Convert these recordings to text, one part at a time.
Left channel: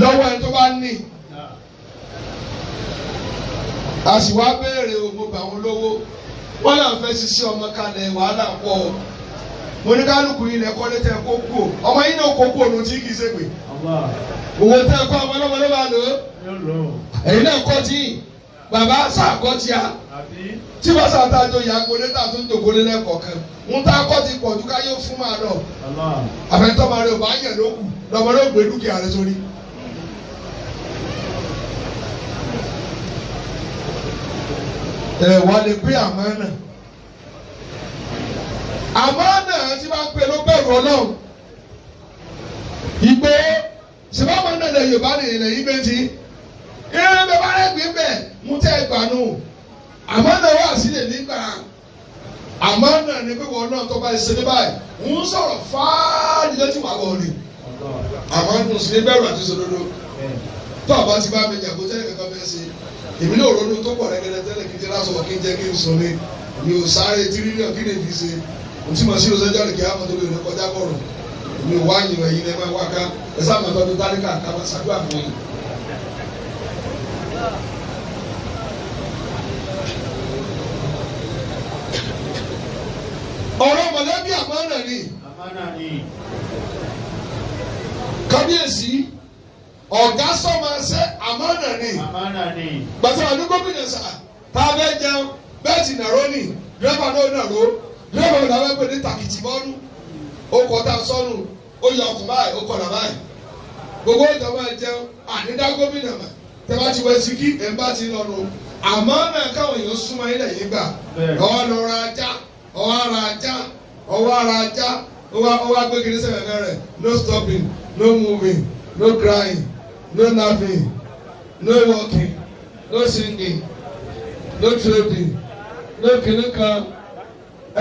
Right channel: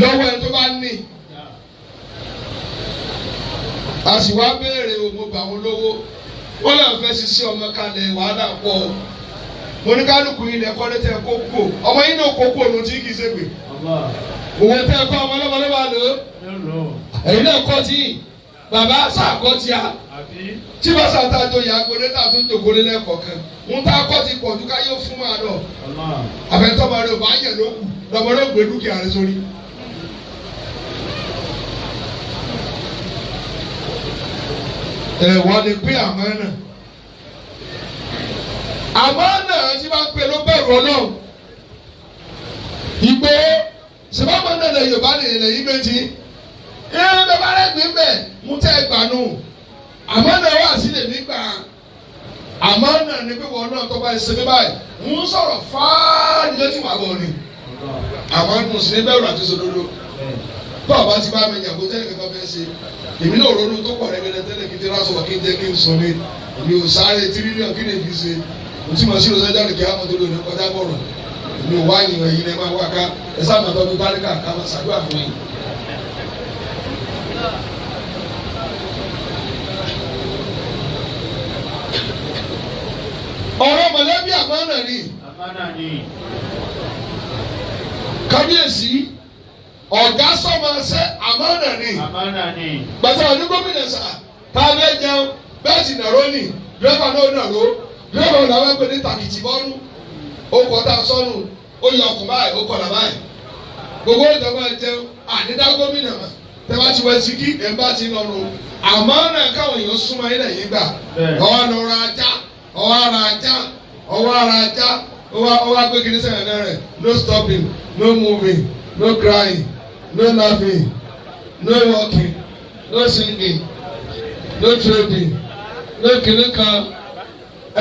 lọ́wọ́ ẹni tó bá ní. A sì wá béèrè gbogbo àwọn olówó wọ́n náà fẹ́ ṣiṣẹ́ ọmọ kalẹ̀ wàhálà pọ̀. Mo ní kálukú yìí lẹ́kọ́ lé tẹ́ kó kú ọmọ yìí náà kó kú òun tí kì í ṣègbè. Owó tẹ́ kọ́ ọmọ lọ́wọ́ ló. Ẹ̀yin náà kọ́ tí bàbá sàkọ́ tí a tí bá sàtàjọ yà gbọdẹ tà tún jòkólé lẹ́kọ̀ọ̀kan ń tá kọ́ ti pọ̀ dúkà yóò fún máa lọ. Àfẹ́tọ́ máa rẹ̀ ò bá yẹ̀ ló kù lọ́mọ ló gbé dúkìá rẹ̀ sórí. Wọ́n lè pé àmọ́ náà. Àmọ́ náà tí bá ń pè ló bẹ̀rù Ọlọ́run. Ìgbé sèbámọ́ náà lè Yorùbá lè yí méjì. Ìrìn bẹ́ẹ̀ bá rẹ̀ gbé bẹ́ẹ̀ mú tẹ́ gbà nù. Àmọ́ náà wà sí lè nígbà. Àmọ́ náà ni pé wọn náà tó bá ṣe ní báyìí. Ń sọ̀rọ̀ fáá nílé tí wàá wọ̀ ni. Àmọ́ nù sí ní bẹ̀rù àti sòdodo. Tó ọba ti bá mi jà kó tẹ́lẹ̀ kankan fẹ́ ṣe. Èmi náà ronú tó pọ̀ rẹ́gẹ́dẹ́ tẹ́lẹ̀ kí n ti rásọ̀ kí n jẹ́ kí n sùn ní. Èmi ò sáré tírílíọ̀n kí ni èmi ṣe. Mo ti mọ̀ sí ìrọ̀sẹ́jọ́ ní kí á mọ̀ tó lónìí kọjá bọ̀rọ̀. Èmi ò wá yìn ẹ̀yin ẹ̀ máa wá ká. Ẹ sáà mọ̀ tọ́jú dáríkà ká máa ṣàdúrà fún yín. Ọ̀rọ̀ mọ̀lẹ́bí àmánà ni. Kábíyèsí ọ̀gá sọ̀mọ̀ ṣe àmánà ni. Gbàtà ọdún gómìnà sà tá a bẹ jẹun bẹ́ẹ̀ ti nàró ni dírẹ́bà náà nàró dírẹ́bà náà wọ́n pè ní tàkìtì bọ́ọ̀lù ó kọ́ tá a sọ́nù ó yọ ọkùn báyìí ó kọ̀ là báyìí gbogbo ìjọba máa jẹun àdídá gómìnà mà tẹ́ bá ti wọ sí kí ẹ̀ ń bá ti lọ́nu àmánà káwọn èèyàn súnmọ́ ilẹ̀ yìí gbà ọwọ́ lọ ra ajá ọwọ́ ara ajá ọwọ́ agbègbè sẹ́yìn náà rẹ̀ no stopping no moving no crying no laughing no walking no singing no trading no kìnnìkan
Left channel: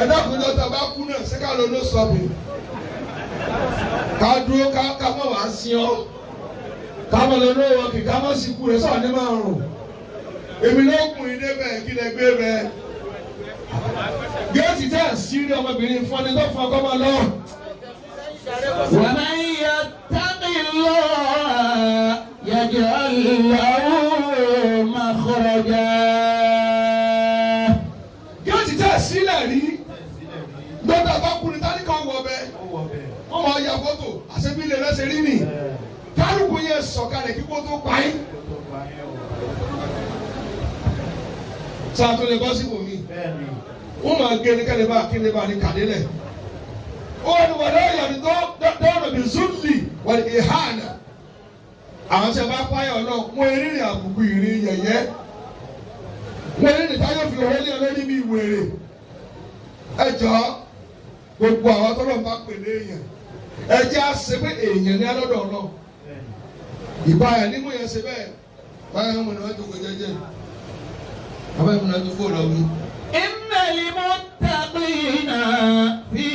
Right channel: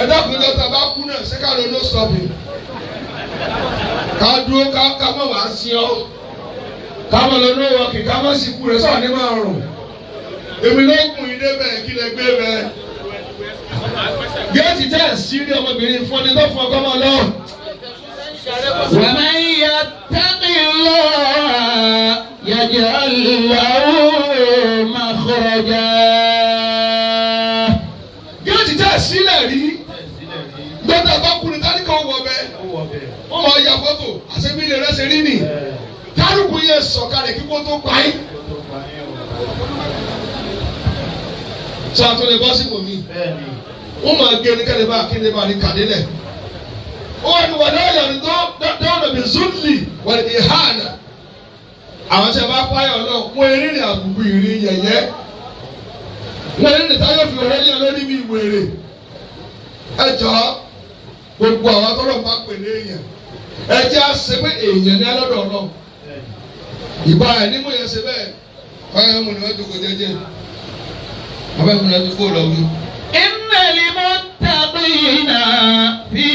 ẹ̀dá kùnú tó bá kú náà ṣé ká ló no stopping ká dúró ká mọ̀ wá sí ọ́ ká mọ̀ lọ no walking ká mọ̀ sí kú rẹ̀ sọ̀rọ̀ ní máa rùn èmi ló kùn yín débẹ̀ kí lè gbé bẹ́ẹ̀. Géètì tẹ́ sírí ọmọbìnrin fún ẹni tó fún ọkọ máa lọ. Wa man yattaqillah yaj'al lahu makhraja. Géètì tẹ́ sílẹ̀ rí. Gbọ́dọ̀ bá kúrin táníkà wọ̀ bẹ́ẹ̀. Wọ́n máa ya fọ́tò àṣebí ilé rẹ̀ ṣe rí nì. Kálukú yẹ sọ̀kalẹ̀ kíkó tó pa yín. Sọ àtúnlẹ̀ bọ́ sí wòmí. Wọ́n máa gé ní kẹ́lẹ́ bá kéde bá ní kàdélẹ̀. Ó wà ní wàdá ọ̀yà ní dọ́ọ̀nà bí zúlì wọ̀lì ìhànà. Àwọn tí a bá páyọ̀ náà wọ́n eré ní àbùkù ìrìn yẹ̀yẹ́. Wọ́n eré ní táyọ̀ fi ọ̀rẹ́ yẹn lórí bí wèrè. Ẹ jọ gbogbo àwọn tọ́lọ̀ bá pè ní èèyàn. Ẹ jẹ́ àṣẹ pé èèyàn ní alọ́dọ̀ náà. Ìbá ẹ̀ ní mo yẹ ṣe bẹ́ẹ̀. Báyọ̀ mo ní wọ́n jókòó jẹ́jẹ́. Àwọn ẹ̀kọ́ náà ti kó lọ wí. Innal muttaqina fi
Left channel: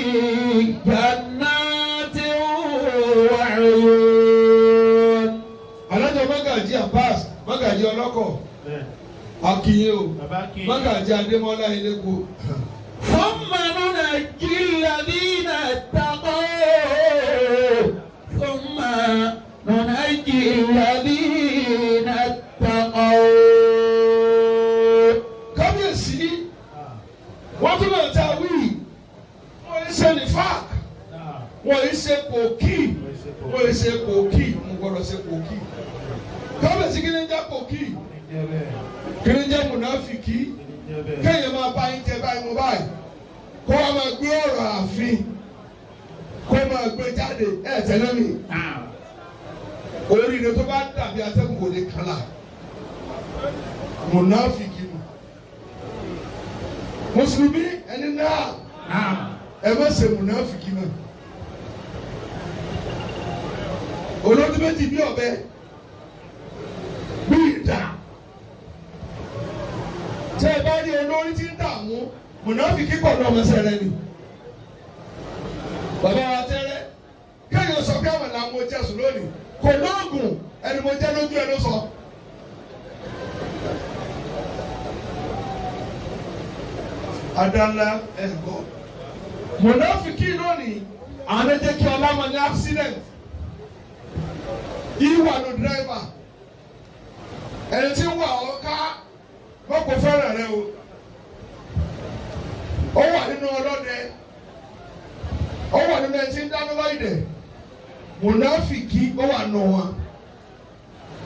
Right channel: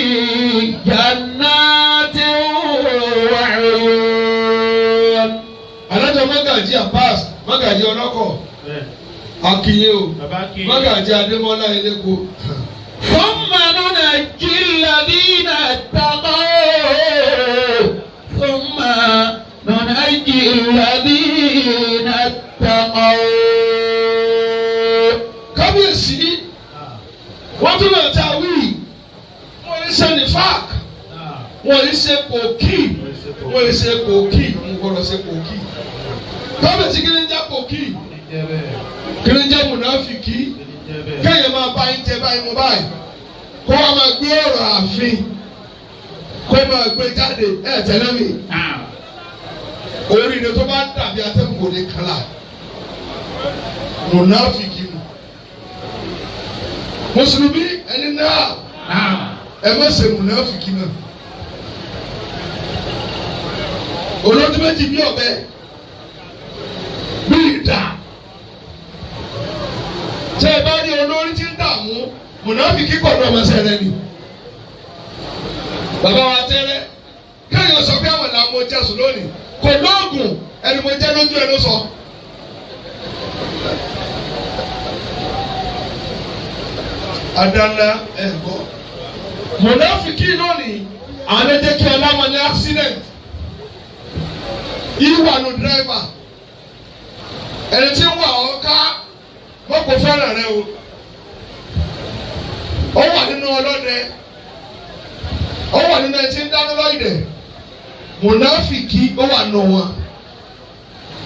jannatin wa 'uyun. Alájọ Mágàjí Abbas Mágàjí ọlọ́kọ̀ Akínyé o Mágàjí Adémọ́lá Eléko. Thumma nunajji alladhina ittaqaw. Thumma nunajji alladhina ittaqaw. Kábíyèsí wọ́n tún lọ ta wí wọ́n yìí ṣe ní fák wọ́n yìí ṣe kòkí wọ́n yìí ṣe kòkí mo gbọ́dọ̀ ṣe kòkí. Kábíyèsí kí ni ń jẹ́ kòkí kí ni ń jẹ́ mùnáfìkì kéèyàn máa bá yín jẹ báyìí mo báyìí kó wá máa gbé ọ̀rọ̀ ààfin kó máa gbé jáde ẹ̀ tẹ́lẹ̀ mi oríire tó bá dàbí atẹ́kùn kò ní kálá mùnáfìkì mu. Mùsùlùmí ẹni náà ẹ má ṣe mùnáfìkì náà. Olódún méjì bí ọ̀bẹ bí ìdá. Tẹ́ ẹ bá rí olórí tí ń dààmú mùnáfìkì gbọ́dọ̀ ọmọ sẹ́rẹ̀ ni. Bàbá wa tẹ́lẹ̀ kéèyàn sọ pé àwọn làwọn mo jẹ́sùn lónìí kò lóògùn ẹni mo jẹ́ lójú ẹ ló sọ. Adala ẹ̀gbọ́. Mùnáfìkì lónìí àwọn ẹ̀jẹ̀ kí ọlọ́mọ ní accident. ìwà nù dírẹ́fà ẹni tí ń wà ọ́ ká mọ́kò fẹ́ràn rẹ o ó wà nínú ọlọ́dẹ ó wà nínú ẹni tí ń dáná lọ́yìnbẹ̀ mùnáfìkì ó wà nù wọn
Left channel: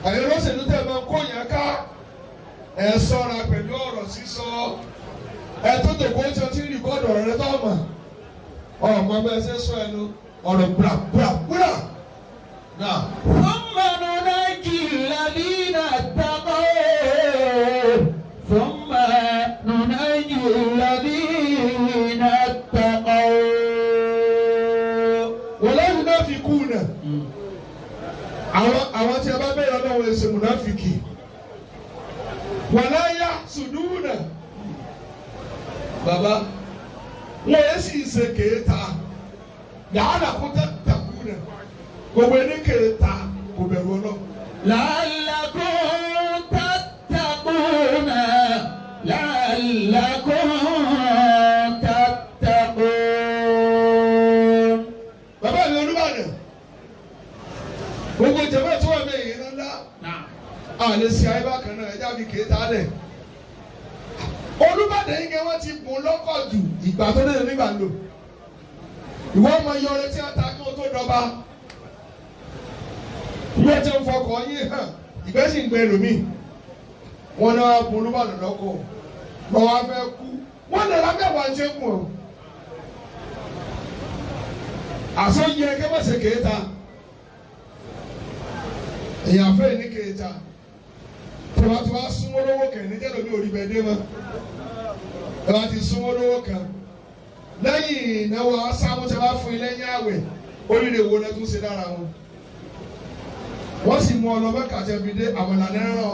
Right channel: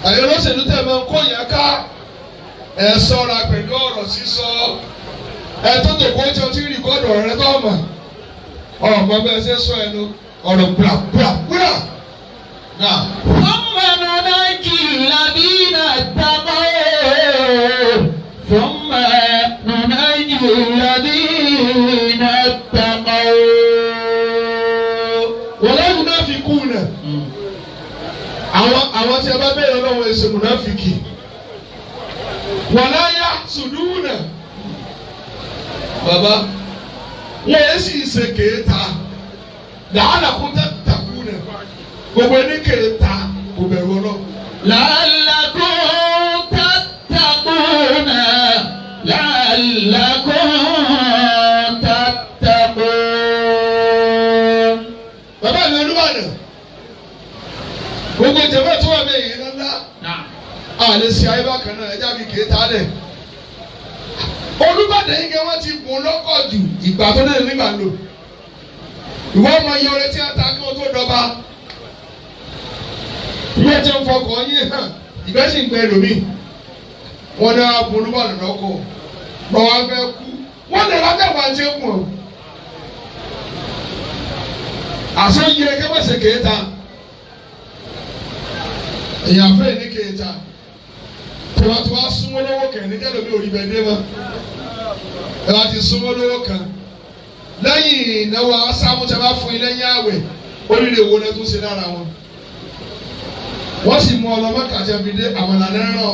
ẹ̀yọ́ lọ́sẹ̀dú tẹ̀ máa ń kó yẹn ká ẹ̀ sọ́ra pẹ̀lú ọ̀rọ̀ sísọ ẹ̀ tó tó kó tí o ti rí kọ́ọ̀dù ọ̀rẹ́ tó ọmọ ọmọ bẹ́ẹ̀ ṣe sọ ẹnu ọ̀rọ̀ gbàgbàgbà náà. ثم ننجي الذين اتقوا ثم ننجي الذين اتقوا ولا ينافقون àwọn tí a bá bẹ̀rẹ̀ lọ́wọ́ ẹ̀sìn múnáfìkì wala yahsuduna bàbá wọ́n yẹ sì ṣe kéèta la'allakum tattaquna gbogbo ẹni kéèta kò bẹ̀rù ọlọ́run. لعلكم تتقون لعلكم تتقون. bàbá mi Olúbàdàn gbogbo ìjọba tó wà bẹ́ẹ̀ yìí lọ́la àlè sí ayé bákan náà ẹja mi kéèta lẹ̀. Olúbàdàn yìí kẹ́ wọ́n ti gùn lọ́kọ̀ jù ìgbà tó dé nígbà lò ìwọ ọmọ iye ọrẹ tí a ta kí wọ́n tó dọ́ba bí ẹ ti ń fọkàn yín hàn ìgbẹ́ sì ń gbẹ lómi wọn náà gun Olúbàdàn lọ́kọ̀ lọ́wọ́ afẹ́ kú wọ́n lè ra bẹ́ẹ̀ wá ń ṣe kù ọ́ àṣọ yẹ kẹ́mẹ́sẹ̀ kéèta èèyàn fẹ́ ní kéèta tiwantiwa súnmọ́ lọ́wọ́ kẹ̀ ní jẹ́ lómi òrí bẹ́ẹ̀ dé mọ́ ẹ bá ti súnmọ́ lọ́wọ́ kan lẹ́yìn ìnáwó asámúṣẹ́ bá fún ilé yín àwẹ̀ oríire wo lẹ́tún ṣe lára wọn wọ́n sì mú ọlọ́mọ kàjẹ́ fi dé àwọn ìlànà ẹ̀rọ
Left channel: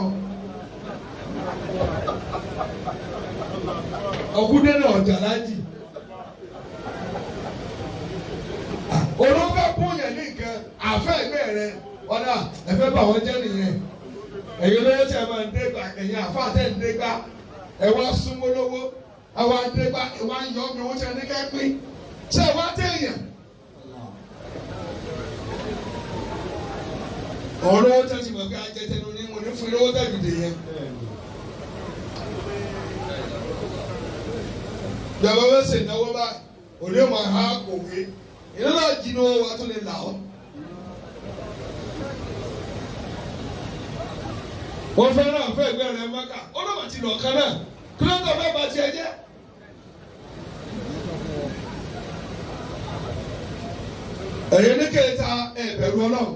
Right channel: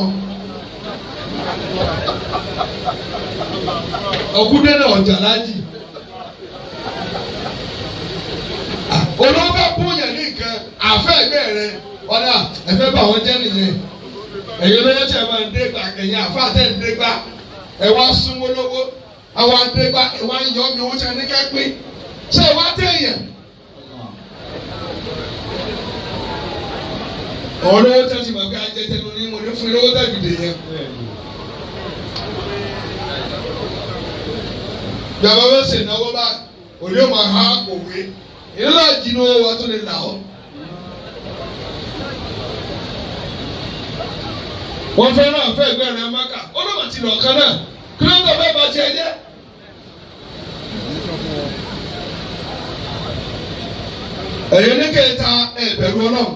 ọkùnrin náà ọjà lájì olóńgbò bóyá ní nǹkan àfẹ́ ẹgbẹ́ rẹ ọ̀dà ẹ̀fẹ́ bá wọn jẹ́ nìyẹn ẹ̀yin lówó tí ẹ máa ń dé gbà ẹ̀yin àfa àtẹ̀ ń dé gbà ẹ̀ wá súnmọ́ lówó àwọn ń dé gbà ẹ̀ wá ń yọ ọ́ mi wọ́n ti ní kẹ́ pín ṣé ẹ wá tẹ̀yàn. àwọn olówó tí wọ́n ti mọ̀ pé ajẹ́tẹ́ ló ní mo ní fún lówó tàbí dè yẹn. ìjọba bá ṣe ìnáwó bá òní ò máa há òwe ìlú àjìnnú wa tó lè là ọ́. wọ́n fẹ́ràn àfẹ́ ẹgbẹ́ rẹ̀ máka ó lọ́mọ ti lọ́ọ̀kan náà kí ló ń tọ́ fẹ́ bá tiẹ̀ jẹ́. ẹ̀yin ní kéèta ẹ̀bẹ̀rù Ọlọ́run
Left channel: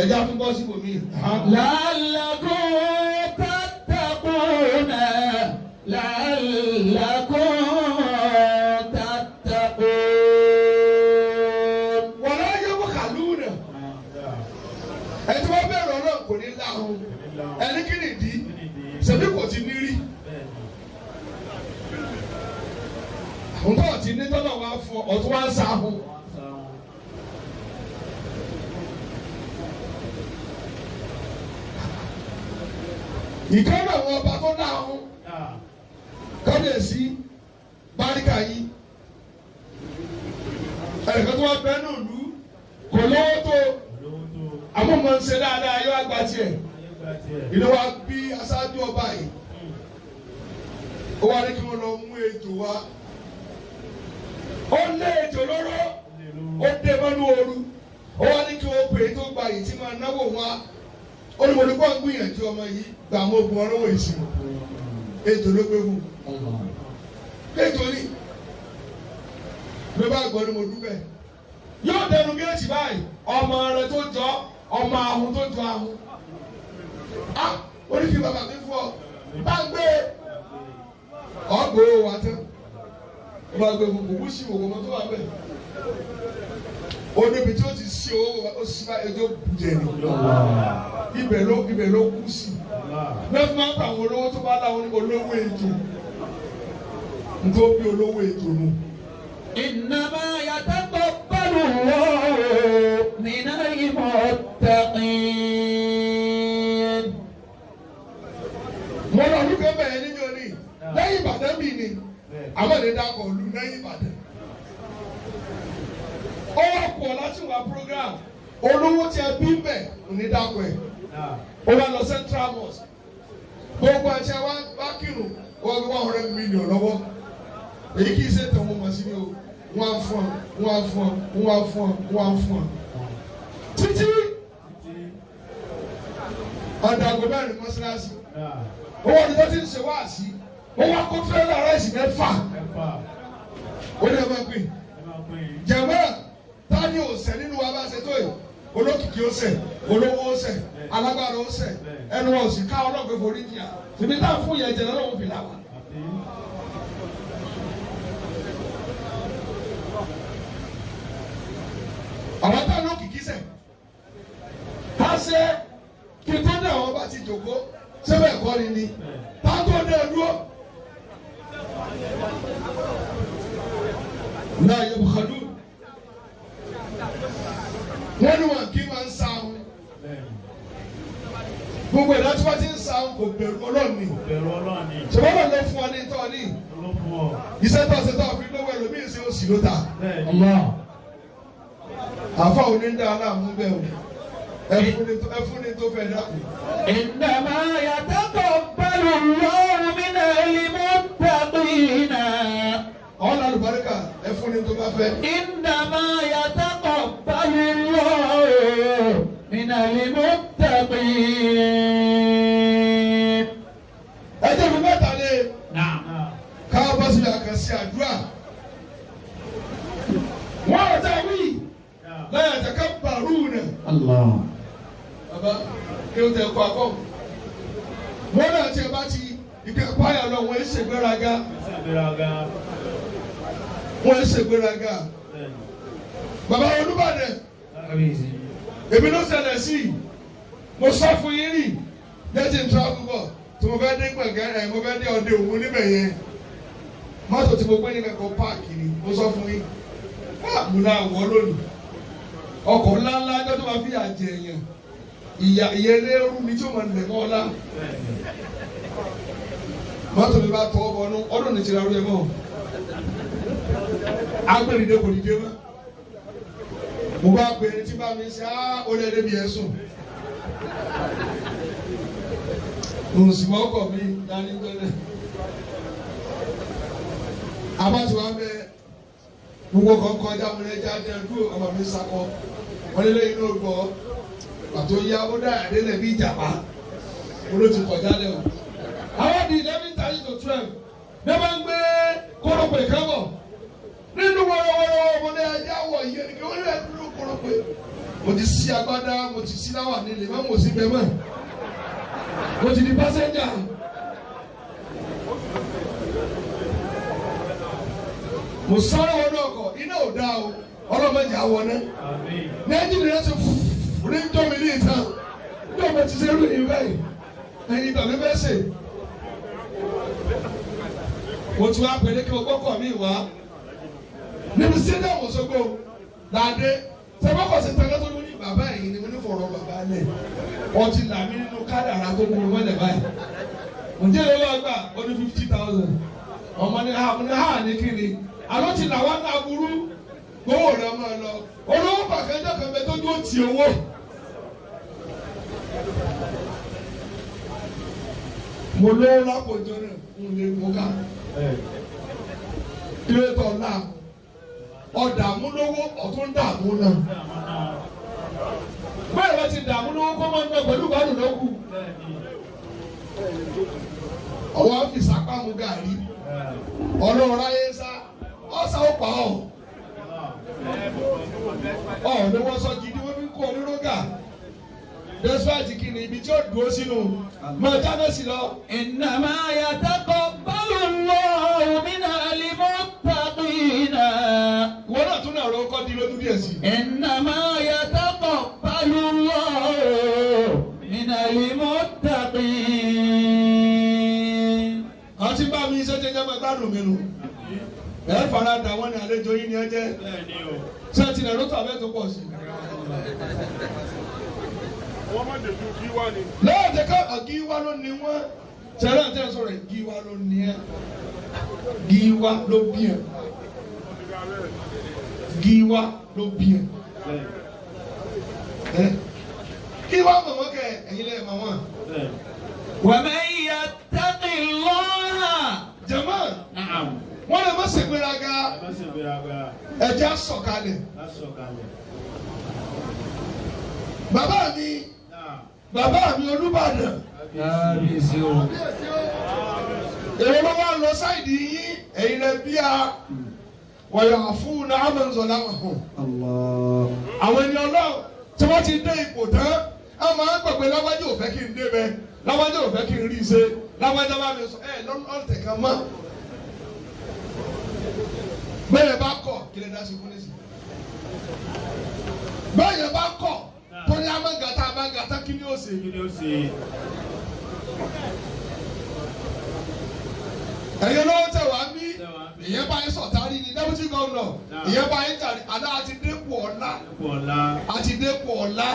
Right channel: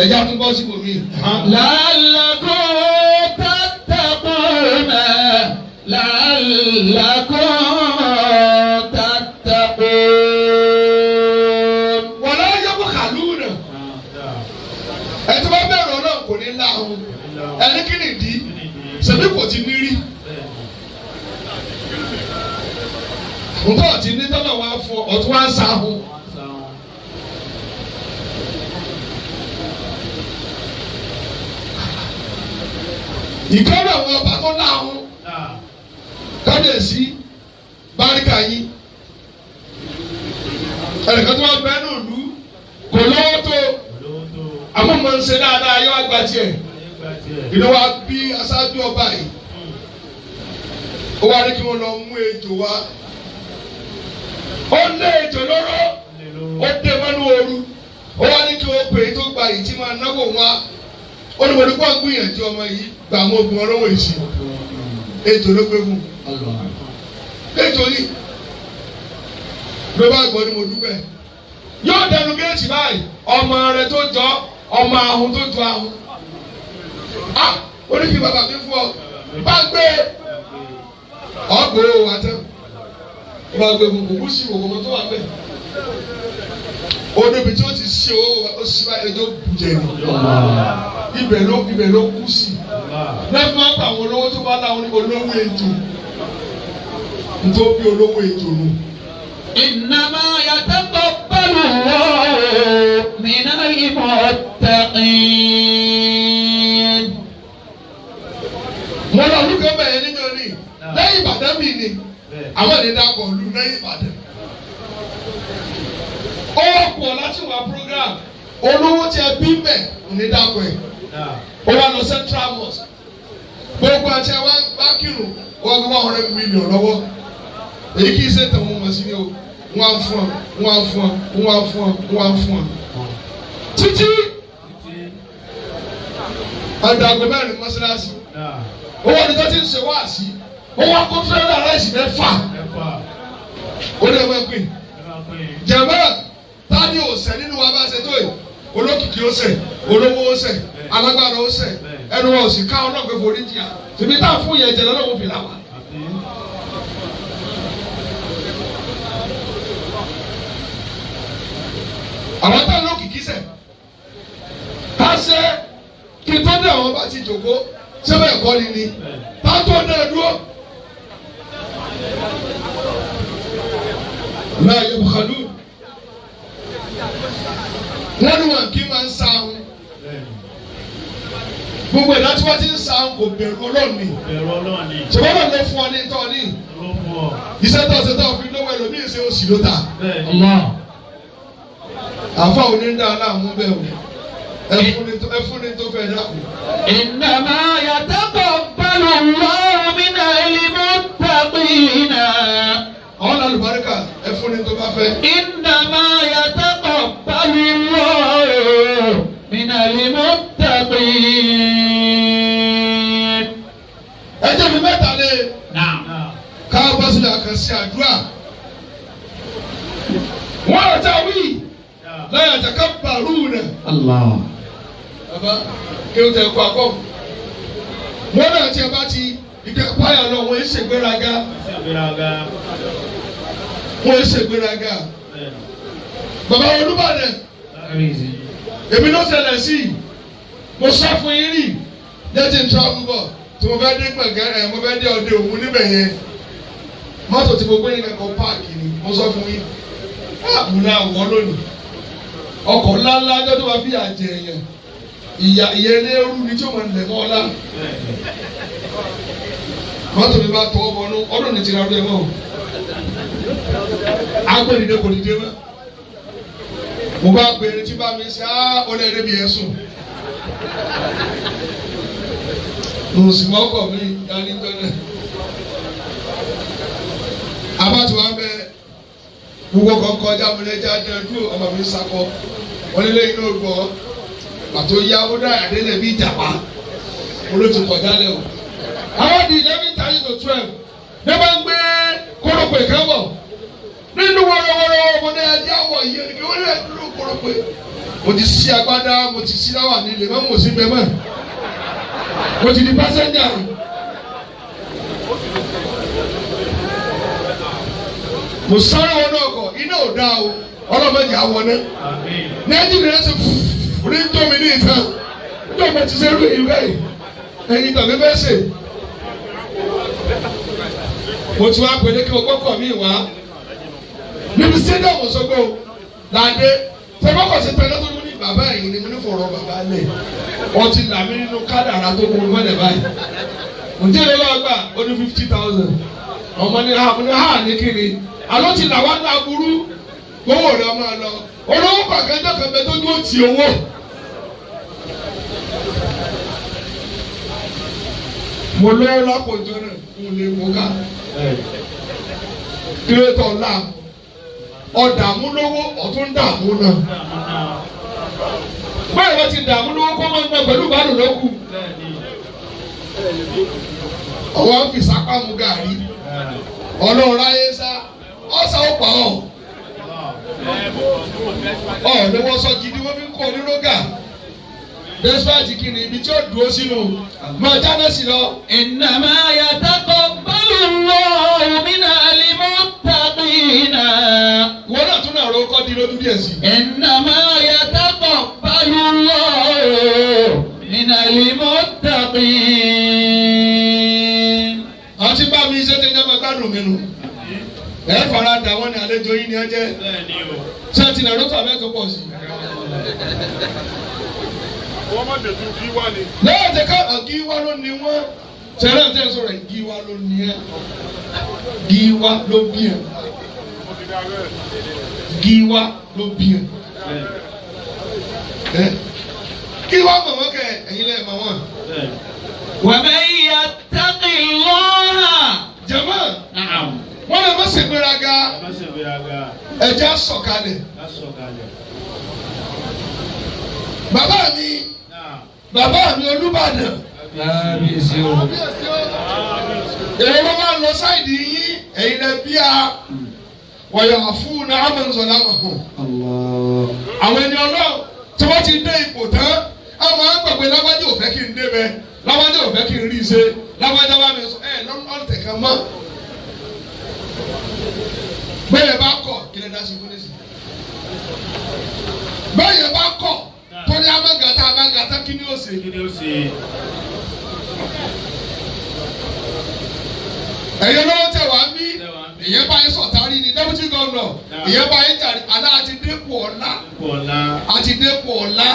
ẹ̀já tó bọ́ sí bòmí. لعلكم تتقون لعلكم تتقون. wọ́n á yẹ kó kàlú náà ẹ̀ tó bá bẹ̀rù Ọlọ́run kò ní láhùn ẹni kí nìdí ṣebí kò ti ní rí. ntọ́ ti ní tọ́lọ̀ wá fún ọ̀tún wá sáhùn. ìkọ́nà àwọn ọba tó láhùn kábíyèsí báríkà yín ẹnìkan tó wá bẹ́ẹ̀ ní òlu kò lówó tó àwọn ọmọ ń ṣe dáadáa yọ àgbà tiẹ̀ ìlú wa bí aṣáájú ọba yìí ó wá ní kí wọ́n lọ mú ejò wá ó lé ejò lọ́rọ́ ó dé mọ́nú ooru ó wá ní kí wọ́n pè é tó gba yìí tí máa náwó wá olùwòlù kó gbìyànjú ọmọ yìí gbà mọ́ ogun ọlọ́wọ́ ìsìn ejò ló gbé fún ejò ní ló bá gbọ́ ni mo dúpẹ́ yóò dẹnu géètì báyìí ọmọ rẹ tó jọ ọmọ ahun tó jọ ahun oríkì bàbá mi fún ọ bá gbé ọgbòrò wa tán bá gbé fún kò sí ògùn tó wà bẹ́ẹ̀ odòbí tí ó ti sí ó sì bá ẹjọ́ bùjẹ́ ni ibẹ̀ ló kú sí lẹ́fún máa ń pa àwọn olówó tó bá láwọn olówó ètò nítorí olówó ètò nù. إنما يتقبل الله من المتقين. mo lọ olùkọ́ bẹ̀rẹ̀ nínú ní lẹ́yìn Ìbàdàn mi ni àwọn ènìyàn dàpọ̀ lù lẹ́yìn Ìbàdàn. ó wà pọ̀ láti wà program olówó tí ẹ bí mẹ́ òní dàpọ̀ ẹ̀ ó wà lọ Central Mosque gbogbo àti ẹwà bá kírun wọ́n gbé $100 million lọ́wọ́ èyí kì í ṣe tẹ̀ wọ́n mọ̀ sí ni o wọ́n á fún ọ wọ́n á fún ọ wọ́n á fún ọ wọ́n á fún ọ títí àdàgbò mẹ́rin mọ́sálásí owó ni tó ti ń ṣe wá sí owó akófẹ́rẹ́ aláìsí mẹ́fà ó lè wọ́n pè jẹ̀mọ́ tani ò sẹ́ nínú wa bá ṣe tó yìí olókìkí ó sẹ́ olówó ó sẹ́ alágbára ó sẹ́ ẹnu wọn ò sì ká ọlọ́gbẹ́ forí jìyà tèmi tá a fún yẹn jẹ lọ́wọ́ fi là wá. àwọn tá a lókìkí sẹ́ ká ṣe kí tó dé àwọn bá ti jòkó sẹ́wọ̀n ẹ̀kọ́ ni ni tá a tó dé dúró. láàyè bùkálù wọ́n ní wọn kí máa ń sa ahun gbogbo ìdá tí wọ́n ti ń sa ahun kò bẹ̀rù Ọlọ́run ni ṣùgbọ́n náà ló fún ọ ní tọ́ ní iṣẹ́ tó ṣe tó fi lówó ẹlòmíì ṣe oṣù ló ta àfa òní ń dá aláàmú bẹ́ẹ̀ o ẹ fún ni tó fẹ́ dákun. Innama yataqabbalu Allahu minal muttaqina. ọ̀la àlùbáríkà ẹ fún ni tó bá fẹ́. Innama yataqabbalu Allahu minal muttaqin. ẹ jẹ́ mi mẹ́ta lé káwọ́ sílẹ̀ àkànṣe àdúrà. wọ́n rẹ̀ tá a wí la yatakabbaruna. Allah. Baba kí o tẹ kó akọ. Wọ́n náà tí a bá ti ìkẹ́ páyà lọ wọ́n ṣe gbéraga. Wọ́n ṣe gbéraga. Bàbá Olúbàdàn. Èmi ló ṣẹlẹ̀ sí i. Mo sọ fún yín rí. Jẹ́jì ń tọ́ àbúbọ̀ tí mo fẹ́ dé gbẹ̀gẹ́rẹ́ mo fẹ́ dé ọdẹ òun níbẹ̀ yẹn. Mọ́tò tí mo gbé ní kankan páàkì ni mo sọ fún yín. Àbúrò àwọn lónìí. Ọkọ̀ ńláńlá ọjọ́ tó bá fi àjẹ yẹn. Ìyá eléru ni tí o máa lẹ̀ mọ́ ọ́lá. Mọ́tò mi bá tọ́ ọmọ náà ọdún ní ti ra rẹ̀ mọ́ o. Agbẹ́nidé kò dìde mọ́. Mo bá gbèrè tí bá mi ṣe ó lé ẹ̀rẹ́ bí ẹ sùn. Mo sì mọ́ ọkọ̀ mi dání tọ́lẹ̀. Abátu wa bẹ gbogbo kan kọjá mo lè jáde dúró ọmọ mi sakọ. Wọ́n lé lẹ́yìn náà gbọ́. Pàtó yá ó dá àdéhùn ẹbí ìjàpá olóòtú kọjá lẹ o. Àwọn di 11:30 to 12 ní wọ́n gbé kórópè kábọ̀ nínú wọ́rọ́wọ́rọ́ ọmọdé ẹ̀dí àwọ̀ yìí ẹni kí wọ́n lè dúró kórópè. Mo ti sí agbádá mo ti sí láwà nílé mọ́ mo sí bẹ́ẹ̀ mọ́. Mo ti di pásẹ́njà. Mo sáré wọn náà kọ iná ò dá o ọlọ́mọdé àwọn náà. Ní ẹ̀jẹ̀ mi rẹ̀ ṣe fún orí ń tó mi ní ìtàn ní ọmọ ti ṣe rú èyí báyìí ẹ̀yin tàbí bẹ́ẹ̀ ṣe. Mo ti wá pèlè kí o gbọ́kọ̀ mi wá níbi stadium Òṣogbo làdé tẹ́gbọ́kọ̀ sí pẹ̀lú tó ní bàbá ẹ̀yìn ni mo ní fọ̀rọ̀ bàbá lẹ̀ wọ́n ti là mí nínú kádàrá tó kún un mọ́lẹ̀ báyìí. Ǹjẹ́ ìlú ọgbà ó ní 50,000 ọmọ ní ha ní kíni àlọ́ ti là wá ní aburú gbówó rẹ̀ ọmọ lọ olówó pàkẹ́jọ́ kan bẹ tó dúró ti owó. Mo lówó lápòjọ náà mo lè mú ká. Kílódé ọ̀la ọ̀dààmú lówó ọ̀tún dààmú náà. Báyọ̀ wọ́n ti dààmú lówó kó máa ń gbà pẹ̀lú ìbálò lókù. Ọwọ́ fi sápá mu gàrí. Ọlọ́run ráyé sá ọ̀sà ó pa ọ̀. Ọ̀ ni wọ́n sọ gidi wọ́n fi kọ́ onírọ́gà. Despite kini ibi tí ó dúró sínú máa jáde sí lọ. Innama yataqabbalu Allahu minal muttaqina. Wọ́n náà tún náà rọ kọ́ di lójú díẹ̀ sí. Innama yataqabbalu Allahu minal muttaqin. Àwọn tí bá mi ṣe ti jẹ́ máa gbádùn mi nù. Ẹ fara dà wọ́n ní àlejò yìí ni ẹ jẹ́. Ṣé ti nà lótò àbẹ́ tó pọ̀ sí? Lẹ́yìn tí ká àgíwá ló ní wọ́n ṣẹlẹ̀ tẹ́ sọ̀rọ̀ ìgíwá ló ní ẹ́ gíwá ló bí ẹ̀ gíwá ló bí ẹ̀ kí wọ́n mọ̀ wọ́n kẹ ẹ̀yin lẹ́yìn mọ̀ wọ́n. ومن يتق الله. jama. نعم. wọ́n lè má ṣe gbéraga. ẹja sọ̀kalẹ̀. bàbá mi Olúbàdàn. èrè ló máa ń lọ sáìdì yín ẹ̀yin lẹ bí a wọ̀yọ̀ fún ní amọ̀nsọ̀lá ọ̀hún. àwọn ẹni ọlọ́run tí wọ́n ti dé ipò tán àwọn máa ń gbàgbé lágbájá ò fẹ́ kí n débẹ̀ lágbájá ò fẹ́ kí n rí i ṣe lágbájá bá mi sọ ọ̀tẹ̀ kan mọ́. bẹ́ẹ̀ bá kọ̀ kí lè dá sí fún nísì. bẹ́ẹ̀ bá kọ̀ tó ní amágàtà kí ni ó ṣe. ẹ̀yin lọ́wọ́ tẹ̀ wá mí ìyẹn bá yín sọ̀tàrí ni deputy governor ìyẹn bá yín jàre àná àti dépò ọ̀la àti dépò ọ̀la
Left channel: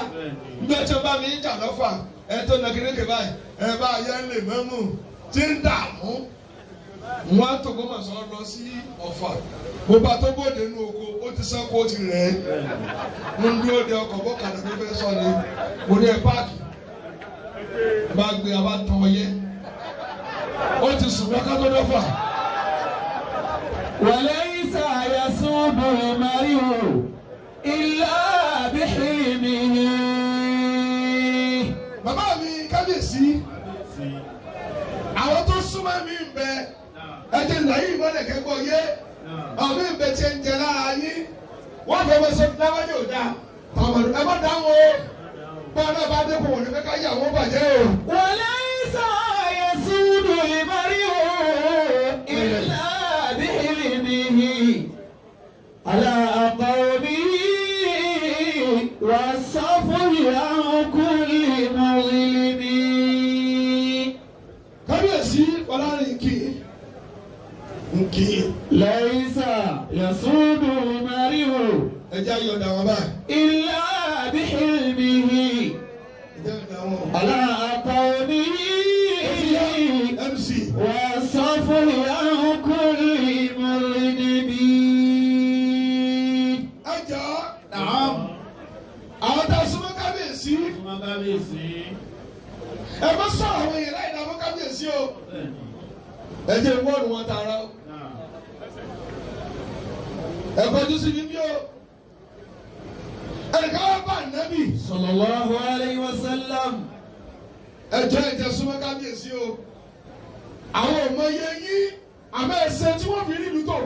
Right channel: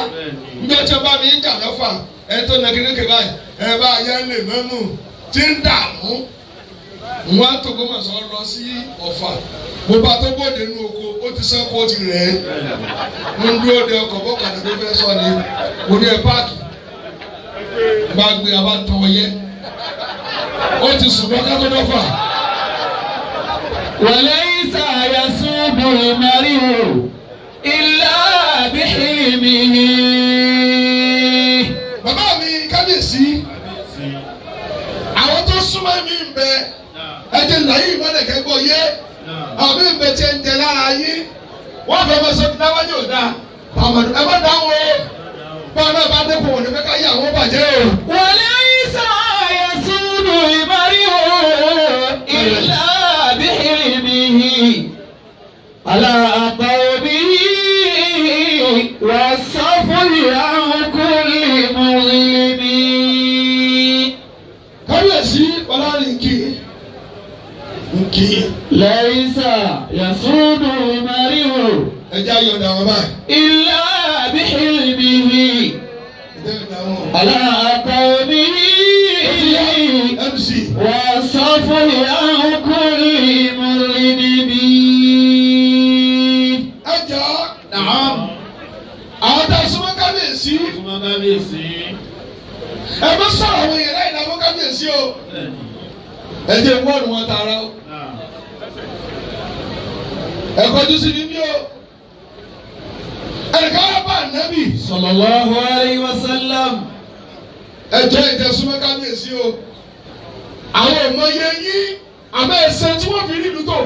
níjọ́ tí wọ́n bá mi ń jà lọ́fà ẹ̀ tó nà kékeré báyìí ẹ̀ bá yẹn lè mẹ́mú tí ń dààmú wọ́n á tòkó mọ̀ sọ lọ sí Ọ̀fà mo bá tó bóde nínú oko ó ti sàn kó ti rẹ̀ ẹ́ mo ń dúró de ọkọ̀ bọ́kàdé tó fẹ́ sọ ni mo ní ẹ páàkì bá gbé abá tán ọ yẹ ó ti sùn lọ ká tó dọ́fà. وليس يسوب المرء إلا بحلمه. bàbá mi kábíyèsí àwọn tó súnmọ́ mi ń bẹ ẹ̀jẹ̀ lẹ́yìn ìmọ̀lẹ̀kẹ́ gbọ́ yé àwọn mi ń bẹ tiẹ̀ ń jẹ lára yín wọ́n fẹ́ fẹ́ sọ dáwájú ọ̀dà àwọn ẹ má dáhùn o bọ́ọ̀ náà bá dẹ́kun òní fẹ́ ká yí àwọn bàjẹ́ o. وليس يسوب المرء إلا على قومه والصفر عن كل مظلم. kábíyèsí ọlọ́run nkì. ليس يسود المرء ẹjẹ́ ayọ̀dà wọn báyìí. إلا بحلمه على قومه والصفر عن كل مظلم. àwọn tá a súnmọ́ kábíyèsí. ẹ má sọ̀rọ̀ àwọn èèyàn láì dáwọ́ kábíyèsí o. ẹ jẹ́ wọ́ọ̀nù wọn tààrà o. ẹ kọjú sí níbí o. ẹnìkan wá bá ànábì. sallallahu alayhi wa sallam. ẹ jẹ́ ìjẹ́ súnmọ́ kábíyèsí o. àwọn ọmọ yẹn yín àmọ́ ẹsẹ̀ tí wọ́n fi rí ìlú tó.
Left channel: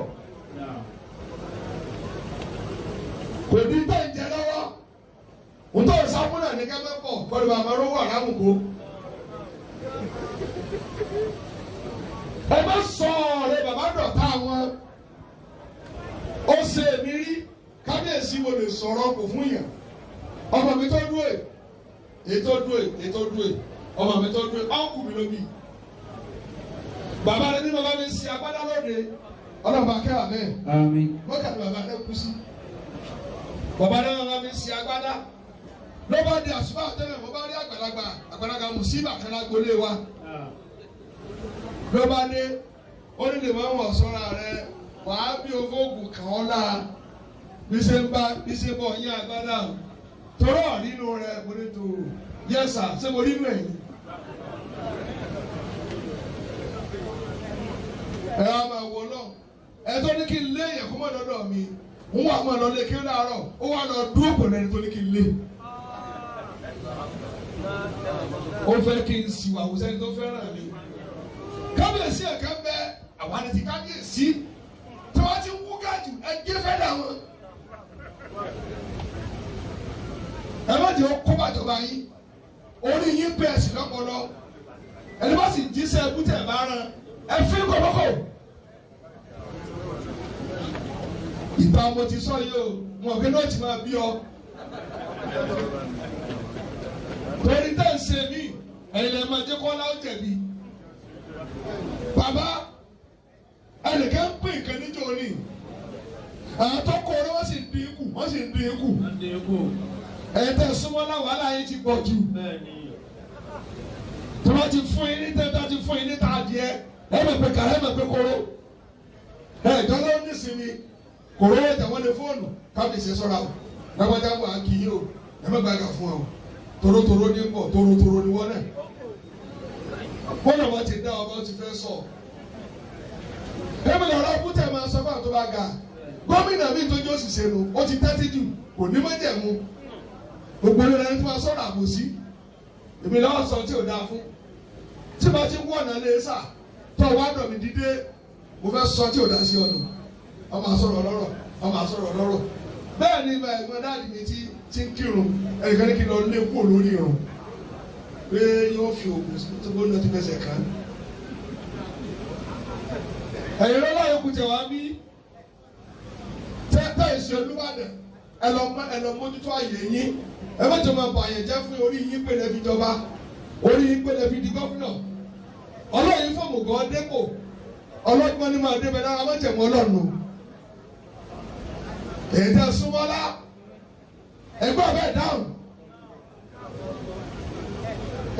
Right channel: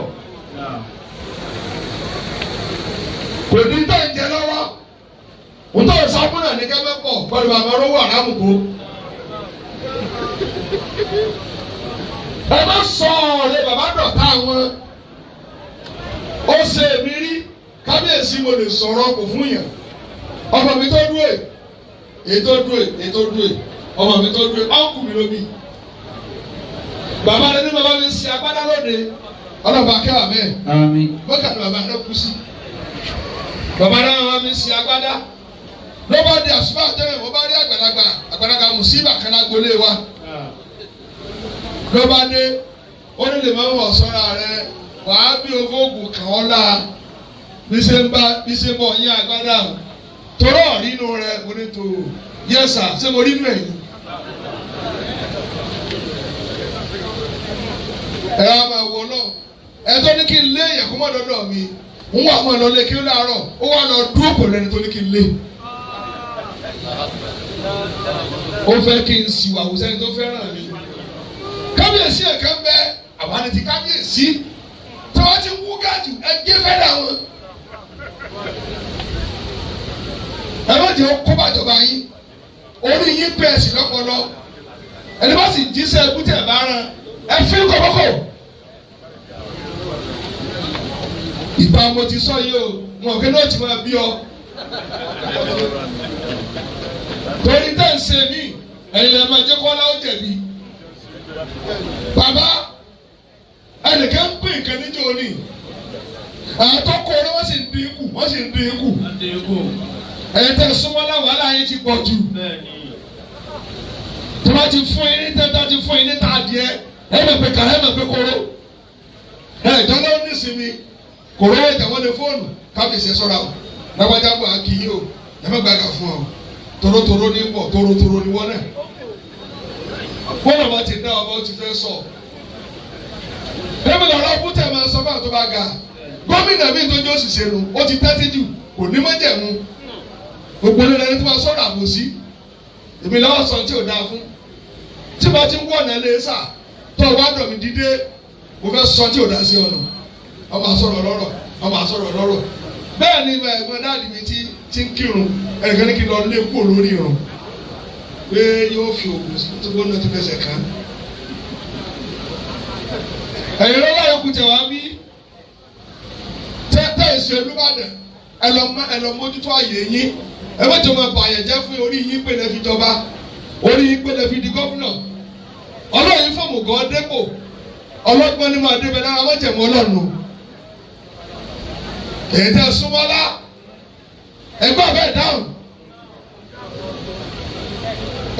kò ní tó ń jẹ lọ́wọ́ ntọ́ ìsàkúnà ní kẹ́mẹ́ pọ̀ pẹ̀lú àwọn olówó àràmùkú. ẹ má sọ ọ̀rẹ́ bàbá dọ̀tá wọn ó ṣe èmi rí kábíyèsí mo lè sọ̀rọ̀ kò fún yàn ọmọ mi tó dúró ètò dúró ọmọ mi tó dúró ọ̀nkù mi ló bí. bàbá rẹ ní bàbá mi ṣe agbádá lóde ọlọ́ba akẹ́wà mẹ́ẹ̀ mọ́kàtí bàbá rẹ kú sí. bàbá rẹ bàbá mi ṣe agbádá lọ́ba di àsùnfà àtẹ́wẹ̀ wọ́n bá rí àgbàlagbà mùsíbà kan lágbolé wa. lọ́ba dé ó ní lè máa wọ̀ sọ́ra rẹ wàá bí ovóògùn kàn ọ́ la bí ṣe ń bọ̀ yín agbádá torọ́ nínú rẹ mo ní tó yẹ́sà ṣé mo rí nù ẹ̀yìn. ẹ á máa wọ náà ẹ tó ní kí n lé èèyàn kó má dọ́dọ̀ mi ń wà mọ́ ẹ lọ lé kí ó láàárọ̀ ó wà lọ dúró pẹ̀lú ẹni tó ní kí n lé. ó fẹ́ kí n sì wà wùsẹ́ni tó fẹ́ràn mi. kábíyèsí ẹ̀ka ń bẹ àwọn àti ti kábíyèsí tí wọ́n ti wú gáàjù ẹgbẹ́ fẹ́ràn wọn. ẹ má jẹ́ kó bàjọba yín orí yín bẹ́ẹ̀ sí lọ́pọlọ ẹni bá sì jíṣẹ́ ẹkútẹ̀ bá rán ẹ fi kọ̀kọ́kọ̀. ìgbà mo ti sọ yìí o wọn kí ló ti máa bí ọ. torí tẹ́ ń ṣe mí ẹ̀yin lè máa jẹ́ kọ́lá ó jẹ̀bi. bàbá ẹnìkan ń pè nǹkan níjọ́ ni àwọn tó kọ́ ọ́ wọ́n sì ń dín kù ẹ̀yin tẹ́ súnmọ́ náà wàhálà yín ti pọ̀ jù. tí wọ́n ti fún yín ní tẹ́tẹ́ ti fún yín ní tàdíẹ́ ẹ̀ mọ̀ pé kàrẹ́ mọ̀ pé kóró ìjọba nísìnyí kòró ìjàwọ́ lè fóònù kábíyèsí sọ́ra o lágbájá bọ̀ àkì yìí o ẹ má gbàgà fún ọ torotoro ní pọ̀ torotoro ní wọ́n náà bọ́lá wa ti dá ọba ó ti fẹ́ sọ ẹ̀mí ọ̀rọ̀ ọ̀bùtẹ̀ máa sọ fún àtọ́ bá ga gómìnà mi tó jó òṣìṣẹ́ nu ó ti tẹ́tí jù kò ní mọ́jẹ̀mú gbogbo ní ẹni tó máa sọ̀rọ̀ àbòsí èmi lọ́wọ́ sọ tí ò dáa fún tí bá ti ń wọ̀ náà lé sà tó o wá dọ̀ mí dídé mo fẹ́ sọ tí ò dáa sí ọ̀nà ọmọ àsọ̀rọ̀ lọ́rọ̀ bẹ́ẹ̀ ni ẹ̀gbọ́n dáàdì mi ti ń kírun ẹnìkan ní kí lọ lé kúrò lórí irun pé yóò fi òògùn sí tó gbóná ti fẹsẹ̀ kàn. ẹ̀yin lọ́wọ́ yòókù tẹ̀ wá bí tẹ́ ìṣe Olúbàdàn ẹ lọ mójútó àyè yín ẹ má jọ máa bàyẹ̀ jẹ́ fún orí yín pé lè fi jọba orí yín pé lè fi di gómìnà ọlọ́yin fún mùgọ́ dépò ọlọ́gbọ́n ní máa débẹ̀ náà wọ́n jẹ̀mọ́ ọlọ́run èyí tẹ́ súnmọ́lá ẹgbẹ́ ọ̀bẹ dáhùn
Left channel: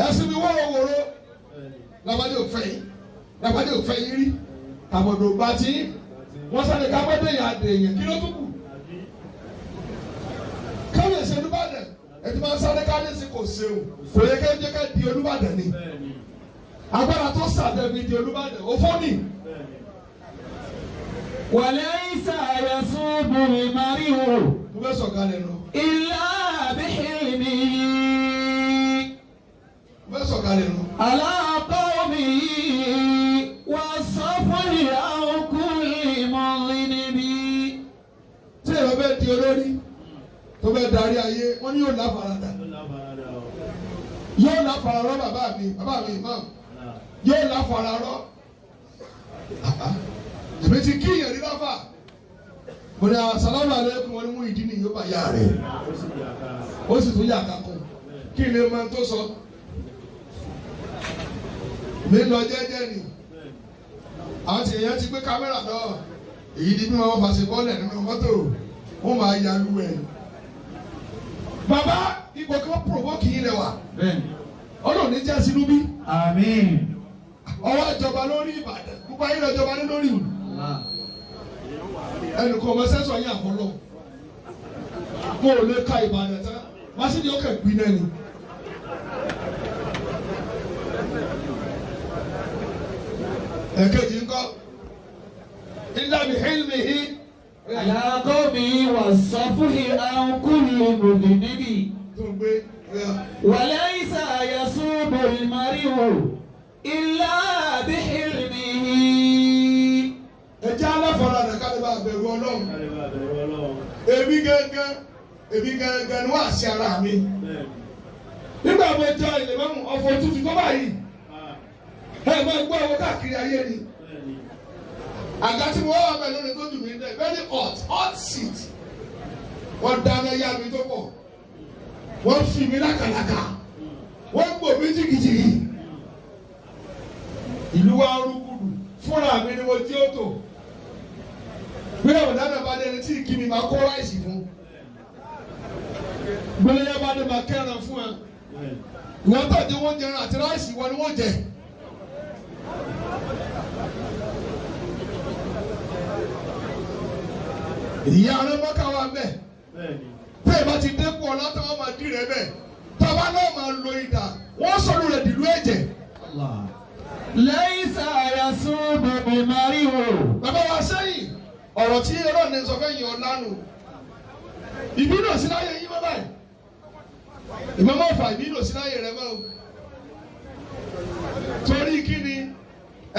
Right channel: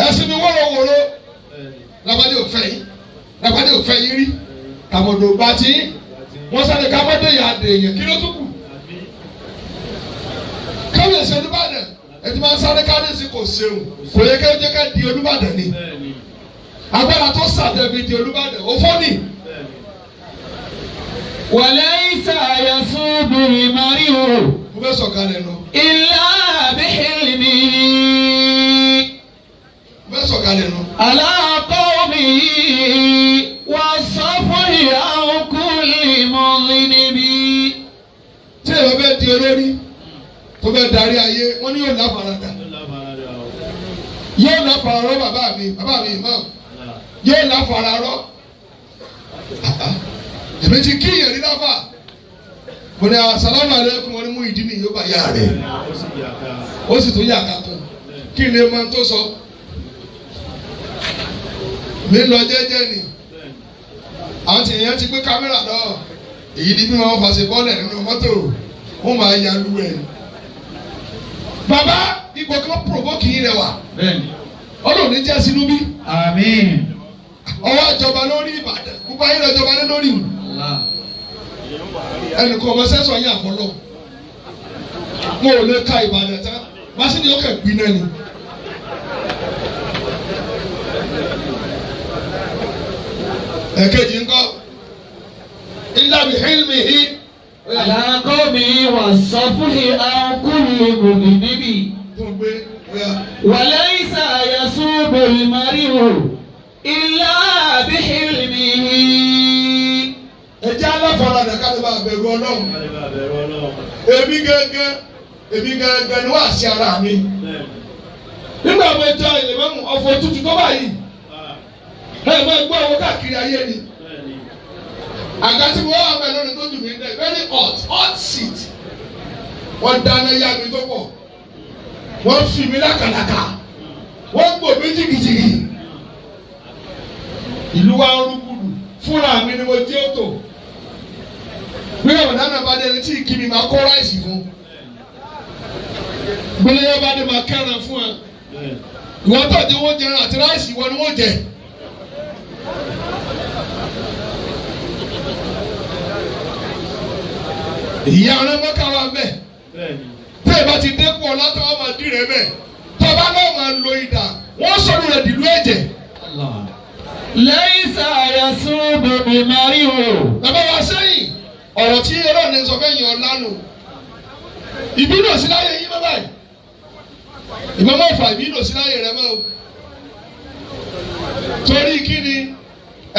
ẹ̀sìn mi wọ́rọ̀wọ́rọ̀ làbádé òfẹ́ yín rí kàmọ̀dò bá ti wọ́n sáré kámọ́dé yà á dè yẹn kí ló tún kù kábíyèsí Olúbàdàn ẹtí máa ń sáré kábíyèsí kò ṣeun kò yẹ kẹ́ jẹ́ ká di Olúbàdàn ni agbára tó sàdẹ̀bi di Olúbàdàn ó fọ́ ni. وليس يصوب المرء إلا بحلمه على قومه والصفح عن كل مظلم. tí èèyàn bẹ́ẹ̀ di olórí tó bẹ́ẹ̀ darí ayé wọ́n ní yóò láfaradà yóò láfararọ́ bàbá mi imam yóò láfararọ́. èmi ti kí ìyẹn rí láfà mo ní asalamu aleykum wọn ni mú ìdí mi yóò bá yá rẹ ó sì tún yà ká kún kí ni máa tó sọ mi lọ jẹ́jẹ́ ni àwọn tí èèyàn ti gbé kámẹ́rà lọ èyí ni bí wọn fàṣẹ bọ́ọ̀lù nínú mọ́tò wọn máa ya lu ẹ̀ bàbá ipò kan provoke yín rẹ wà ọlọ́run ní jẹ́ sínú bí àmín ọwọ́ àjọba lórí Ìbàdàn gbogbo ayé lọ jọba lé lórí ìlú ẹnìkan ọmọ sẹ́sọ̀ yín àfọlọ́ mo ò lè ka Ìbàdàn tán màsídì ó kẹ̀ gbin náà ni. ẹ̀kejì ńkọ́ ilá bi hilmihi. على قومه والصفح عن كل مذنب وليس يصوب المرء إلا بحلمه. ẹ jẹ́ aláfaradà ká lè bá bẹ̀rù Ọlọ́run. èmi gẹ́gẹ́ ni wọ́n àṣẹ ara mi. nígbà wo jẹ́ ìlẹ̀mọ́mù ọ̀fọ̀ tútù tó báyìí ẹ máa gbọ́ owó káàkiri ayé ni. àga tí mo wá bẹ̀ lónìí tó dùn mí dẹ́ very hot seat. wọ́n dáná yá mi tó pọ̀ wọ́n fi mi lákàlàkà wọ́n gbò mí jìgìjìgì. ìlú wa ń rúgbùdù fúnra mi ni mo jẹ́ òtò bí ọ̀nà náà bá dé ẹni tí ìkíni máa kó ráìsì fún gbélé yẹn bá dé máa kẹ́ran fún ẹ ìwọ́n tó di wọ́n jẹun àti ráìsì wọn ni wọ́n jẹ. ìyá ọ̀rẹ́ mọ́ká wa bẹ́ẹ̀ tẹ́ ẹ bá ti dẹ́kun ọ̀la tó wọ́n máa dì rẹ bẹ́ẹ̀ tọ́ba náà máa lo ìdá wọ́n sọ̀rọ̀ rẹ̀ dìlú ẹ̀jẹ̀. ليس يصوب المرء. bàbá wa sẹ́yìn ọ̀rọ̀ tí ọlọ́run ní sọ fẹ́ yàn ọ́ lánàá ìbínú òsì láyé yín bàbá yìí ìbọn máa fà ìbínú òsì láyé rẹ mọ́ o torí kí ni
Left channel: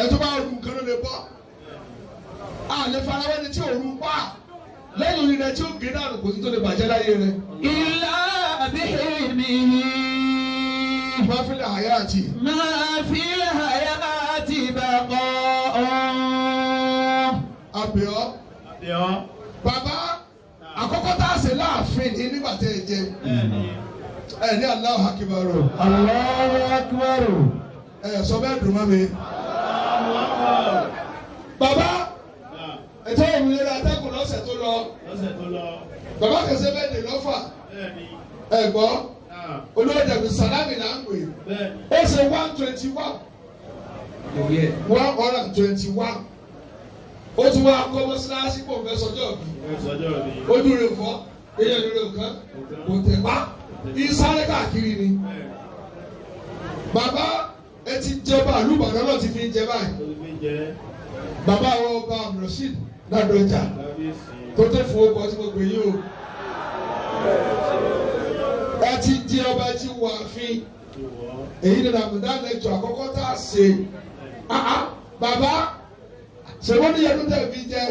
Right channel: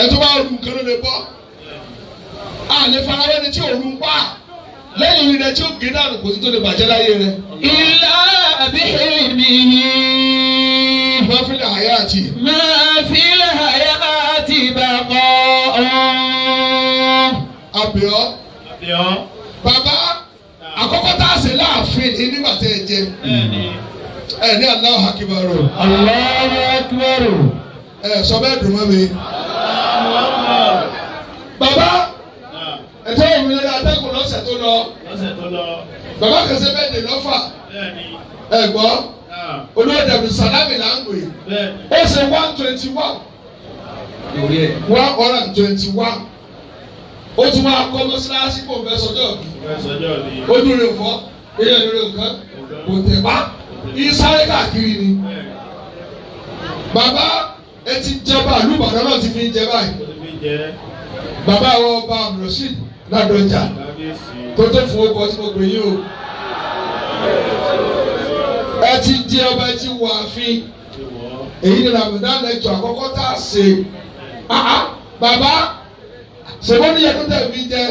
ẹ tó bá rú nǹkan ló lè bọ́ àlè farawẹ́ ni tí òru ń pa lẹ́yìn orin rẹ tí ó gé dànù kò sí tó lè bàjẹ́ láyé rẹ. إلا بحلمه. ما في الحياة بقاء. àbíọ́ bàbá àkọ́kọ́ tá a ṣe láàfin ní nígbà tẹ́ ẹ jẹ ẹ ní Allahu Akbar. Allahu Akbar. ẹ sọ bẹ́ẹ̀ dùn mọ́ mi. bàbá ẹ̀tọ́ òmìnira atẹ́kùn lọ́sẹ̀ tó lọ bàbá kẹsẹ́ bẹ́ẹ̀ dè lọ́fà ẹ gbọ́ olóòdàbí Sàlámì là ń pè ó ṣe 121 ó tún wá kọ́ mọ́sálásí kò fẹ́ sọjọ́ bí ojú rẹ̀ fọ́ èèyàn rẹ̀ kan kò tẹ̀ wá ìsáré káàkiri ni. Bàbá ẹ ti jẹba àlùbàdàn náà ti fi jẹ báyìí. Bàbá àwọn ọba Abdulrasheed Ládọjà tó tó fún ọkọ tí mo pè yín o. Ẹ ti jẹ ọba ẹ ti wọ ààfin. Èyí ni Ramadan lẹ́jọ́ àkọ́kọ́ tá a ṣe. Bàbá ṣèwọ́n ní yẹnu tẹ̀ fi jẹ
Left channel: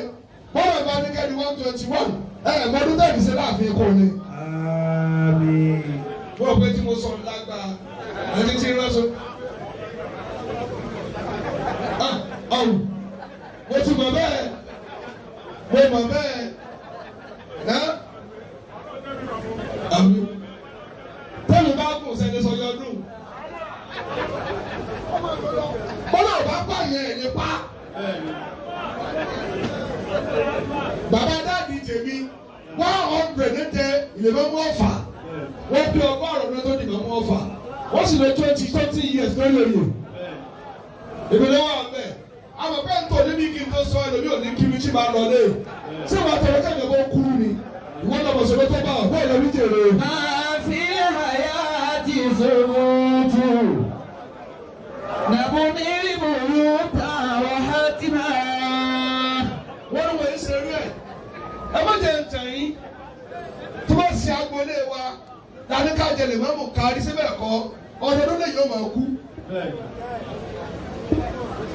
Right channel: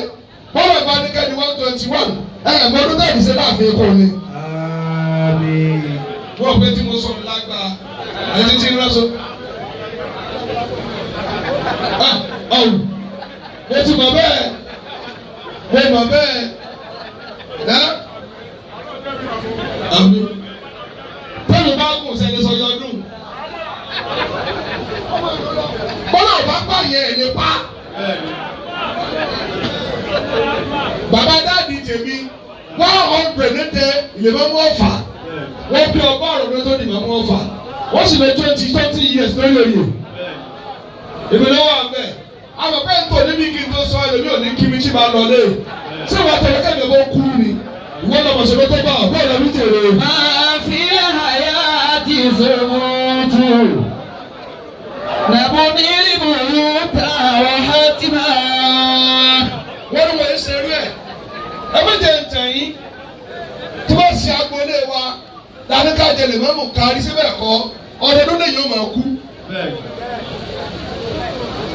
bọ́lá ìbá ní kẹ́ni 121 mọ́dún tẹ̀ fi ṣe láàfin kò ní. Wọ́n pé tí mo sọ lágbàá ẹni tí ń ránṣọ. Mo ti mọ̀ bẹ́ẹ̀ mo mọ̀ bẹ́ẹ̀ àmì tẹ́lẹ̀ bá kù sẹ́ni sọ yọdún. Bọ́lá ò bá pààyàn ẹ̀ nípa. Bàbá dáàdi tèmi 100 ní tẹ ìlẹ̀mọ́mú ọ̀fà wọ́n bí ọgọ́rùn-ún tó di ìmọ̀mú ọ̀fà wọ́n sì lè 20 years lórí oyè. Ìbílẹ̀ wà bẹ́ẹ̀ àwọn bẹ́ẹ̀ ń tò níbi kí n tó sọ ẹlòmí ò ní kí mi tí máa lọ lé ṣé ìwà tẹ̀lé kẹ́mi bó kú ni ìwọ́n lọ́mọ ṣe ló tó bá ọ̀bẹ́ ìlọ́mí tèrè. máa fi àyà àti ìṣòwòtò nàbó ní ìbòrò ta ọ̀há tí máa. wọ́n ní wọ́n ṣe rí ẹ̀ ẹ má jẹ́ ǹtẹ̀ yín tí wọ́n ṣe agboolé wa láti ká jẹ lè má mú kárí síbẹ̀ kọ́ ọdọọdún lè yóò máa kú.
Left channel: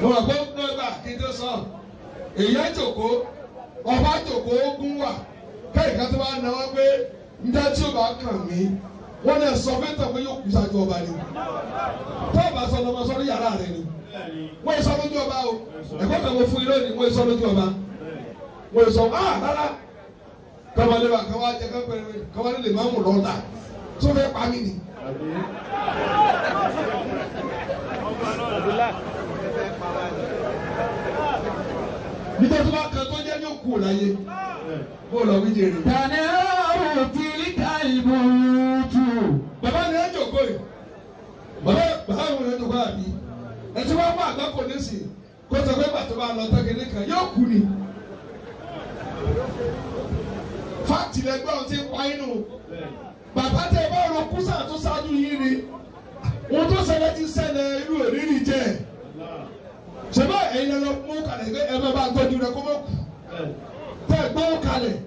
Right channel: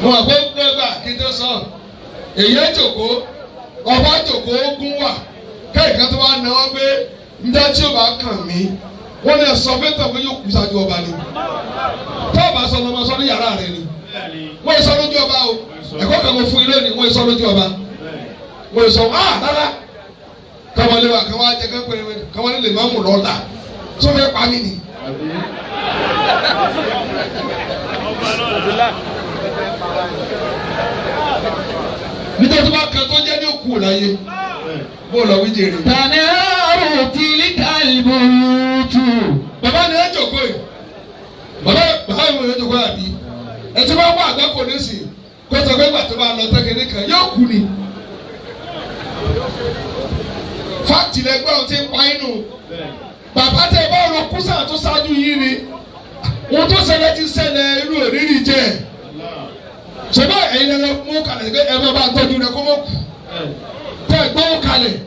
Mo wà pé gbẹ́gbà kí n tó sọ èyí jòkó ọba jòkó ogun wà kẹ́ẹ̀kan tó wá ná wọ́n pé ndá tí ó bá kàn mí wọ́n lè sọ fẹ́ tàn pé yóò kú sáájú ọba ni tó o bá sọ ọmọ sọ ní yàrá rẹ ni wọ́n yẹ sọ lójú ọba o ẹ̀kọ́ kan mo fún yín lónìí wọ́n yẹ sọ lójú ọba wọ́n yẹ sọ rárá kọ́mọlé wa kọ́mọ ajẹ́ kẹ́pẹ́rẹ́ kọ́mọlé lè má mú lọ́la tó fẹ́ pa mí ni. Nítorí bá kan tó jẹ́ ní òkú láyé bó lọ wí jèrè. Tani àrùn tí kálíbù tù. Bàbá ni ẹ jòkó yìí. Bàbá yìí wọ́n yẹ jòkó yàbí. Ẹ ti máa ń wá àgbákò nísì kó sọ pé gbàtọ́ bá lọ tẹ́kẹ̀ nìkan yóò kú ni. Fáàtì lẹgbẹ́ ọ̀hún ti ń pa inú. Bàbá tẹ bá ọ̀rọ̀ kúsà tó ṣáájú yìí ni. Ohun tó ṣẹlẹ̀ ti ṣẹlẹ̀ irú òrìrì jẹ́. Ṣèbá ẹ̀yin lọ mú kalẹ̀ pé ẹ bá tọ́jú rẹ̀ kó mọ̀ kú. Tẹ gbọ́ kalẹ̀.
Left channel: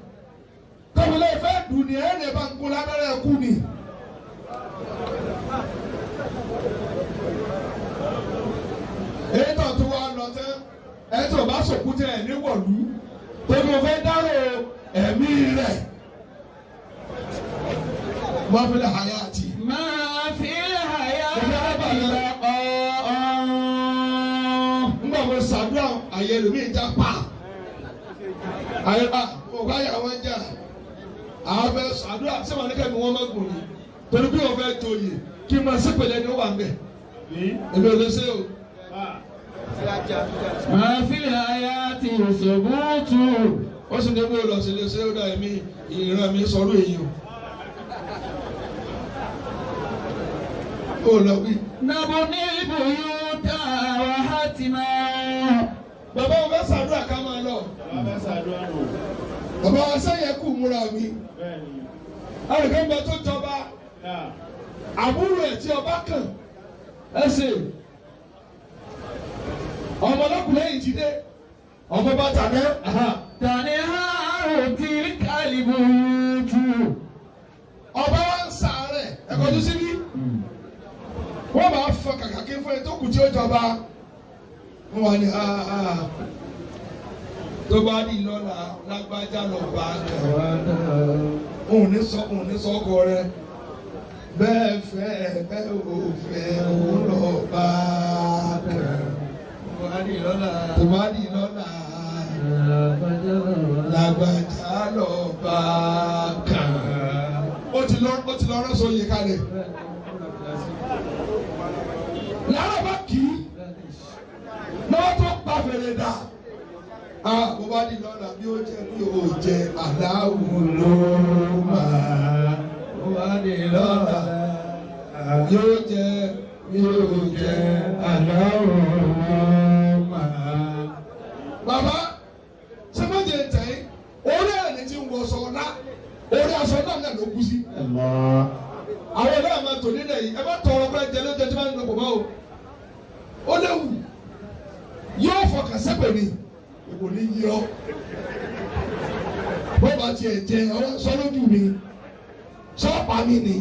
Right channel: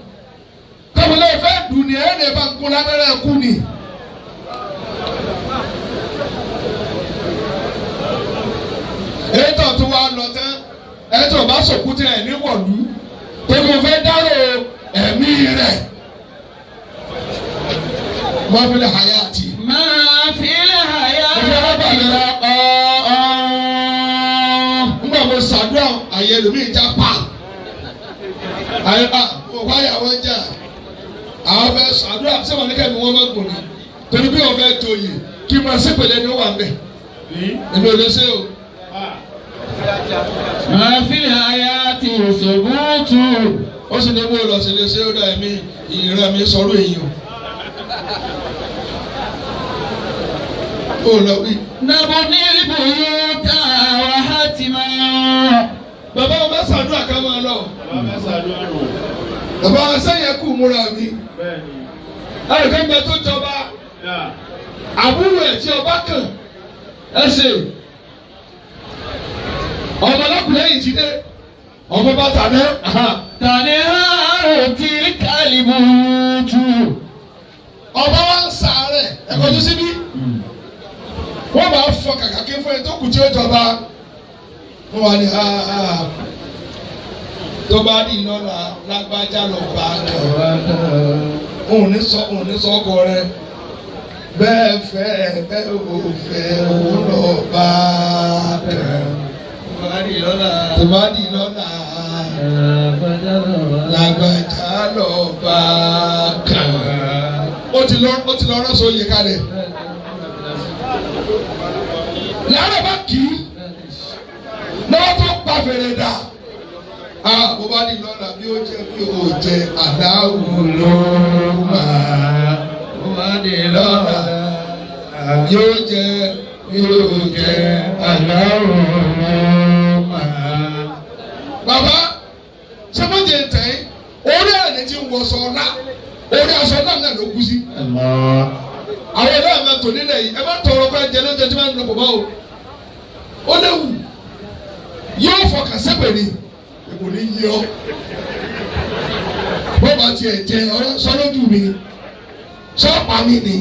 Tọ́mọlẹ́ fẹ́ dùn ní ẹ̀yìn ẹ̀ bá ń kún lábẹ́rẹ́ kú ni. Ètò tó wá lọ tán, ètò bá sọ̀kú tẹ ẹ̀ ní wọ̀lú. Tẹ́kọ̀ fẹ́ dárò ẹ̀mí rẹ̀. Máa fi lè hayá àti. Máa fi àyà àti Mo ṣàdúrà àyè lómi ìjà pa àyè pa mo wáyà wọn jà àwọn fẹ́ ṣàdúrà sẹwọn ní kẹmí wọn máa gùn ní torí bí wọn fẹ́ tó yìí kí n máa ṣépèlè ní wà mbẹ èmi ò lè ṣe o. máa fi àyà àti ìṣòwòtò. ó sì ní bó lọ sí lè ṣe ó dà mí ìran mi sọ̀rọ̀ èyí o. ó lọ wí. nàbó ní ìbòrò ta ọ̀há tí máa. Bàbá wọn bá ṣàdúrà ká máa lọ. Bàbá wọn sẹ́yìn kù múra mi. Ẹnìkan bẹ tó jọba. Àbúrò ẹ̀ tí ọba kàn ẹ ṣe. Ọmọ ọlọ́kùnrin yìí ti dé. Ọmọ bá tà ní. Tani àrùn tí kálíbù tù. Ọba wa ń sàárẹ̀ ẹ̀kọ́ tó síbí. Wọ́n bá fọ kàkà kí fún ẹ tó kù tí ó jọba. Wọ́n wà ní tó bá di lọ́la lágbájá lọ bá a kàn. Òun ní sọ ọkọ rẹ bẹ́ẹ̀ fẹ́ ẹ ò fẹ́ òun lọ bá a kàn. Tó bá di lọ́la lágbájá lọ bá a kàn. Ó ti lọ rọ́ṣọ yẹ kalẹ̀. Yàrá bá kì í lọ́wọ́ tó pa fèrè dà. Mo bá ní lọ́la bí ó jẹ́ bí ó jẹ́ aláwọ̀ ló máa. Mo bá ní lọ́la yóò jẹ́ bí ó jẹ́ aláwọ̀ ló máa. Bàbá ṣé mo jẹ tẹ̀ orí ẹni tí ń wọṣọ ọ̀la orí aṣọ náà ló kú sí. àwọn ẹ̀rọ àmà tò nílẹ̀ yìí ẹ má tọrọ kọ́ ẹ̀jẹ̀ ló jẹ́ tí wọ́n ń lọ pọ̀ mọ́ o ó léwu yóò fọkàn sẹ́pẹ̀ ni kò ní yí ọ bó bá tiẹ̀ jẹ ọ̀rọ̀ sọ́lójú mi sọ́ọ̀pá mi ni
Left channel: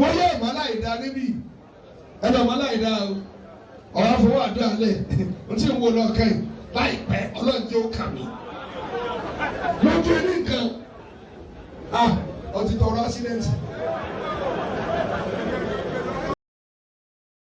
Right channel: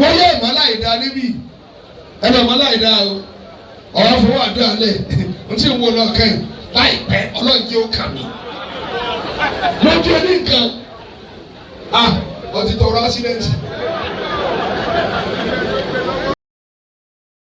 wọ́n yẹ ìmọ̀lá ìdá níbí ẹ̀rọ ìmọ̀lá ìdá o ọ̀rọ̀ fowó àdúrà lẹ̀ n tí ń wo lọ kẹ́yìn láìpẹ́ ọlọ́ọ̀jẹ́ ó kà mí lójú oní nǹkan ọtí tọrọ ásídẹ́ǹtì.